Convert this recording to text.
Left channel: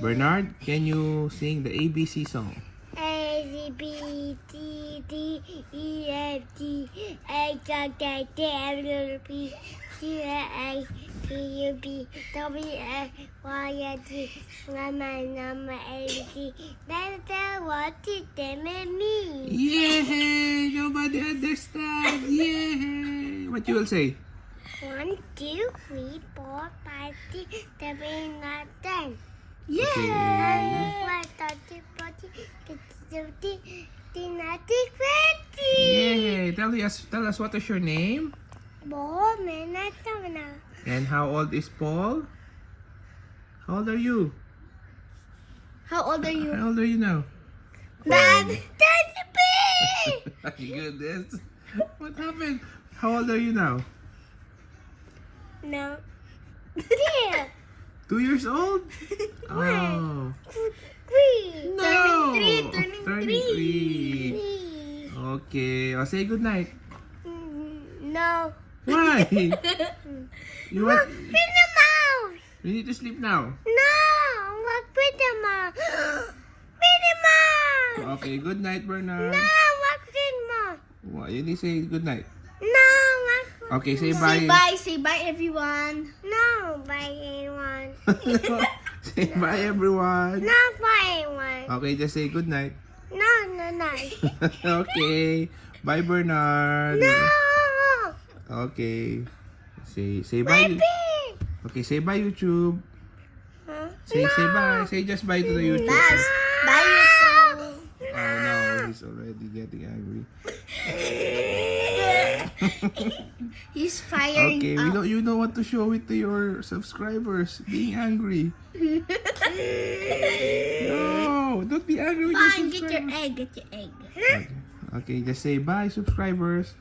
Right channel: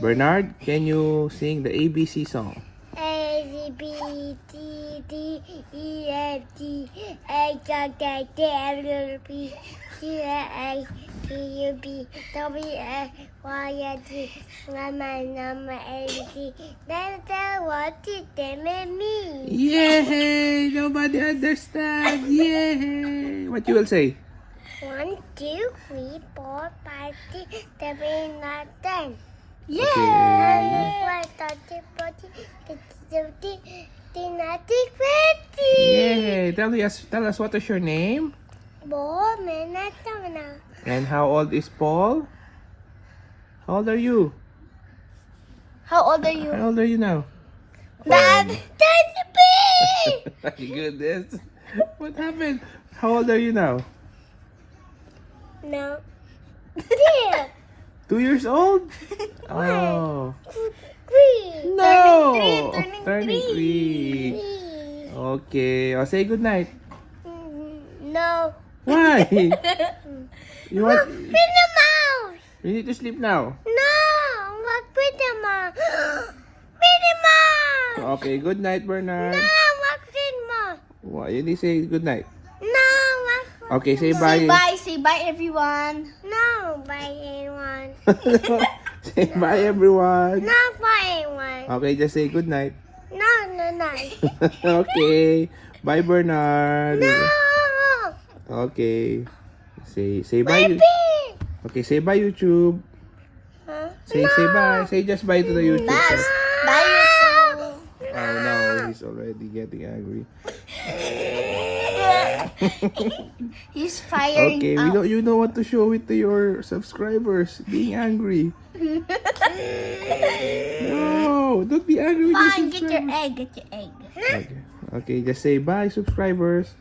Bernard, can you sing the ABC song? A, B, C, D, E, F, G, H, I, J, K, L, M, P, Q, R, S, T, U, V, W, X, Y, and Z. Number A, B, C. That's what it means. Yay! Nobody understand. Yay! What you will say? 1, 2, 3, 4, 5, 6, 7, 8, 10. Okay. Yay! Tell us what is your name? And how old is Paul? How old are you? How old are you? How old are you now? Dad, that's big! My goodness. What happened? How old are you now? No. Dear. 2 years old? Oh. 3. No! Turning 3. Okay. I'll say good night. No. Why? You want... Minnie Mouse. We need to sleep now. No. What Minnie Mouse? Minnie Mouse. Okay, good night, Bernard. No. What Minnie Mouse? Well, you need to say good night. No. What? Okay, say bye. Say bye. Say bye, everyone. No. Bye, anyone. Say bye, everyone. No, bye, anyone. Okay, just say good night. No, no, no. Okay. Bye, Bernard. No. Okay. Say bye. Baby. Okay, say bye, YouTube. Huh? Say bye. Say just bye to the YouTube. Bye. Bye, YouTube. Oh no, he's already getting angry. He's firing Okay, up. you know what to show it to your subscribers. Being angry. No, don't be angry with Fine, your get your subscribers. egg. Get your egg. Okay, just say bye, subscribers.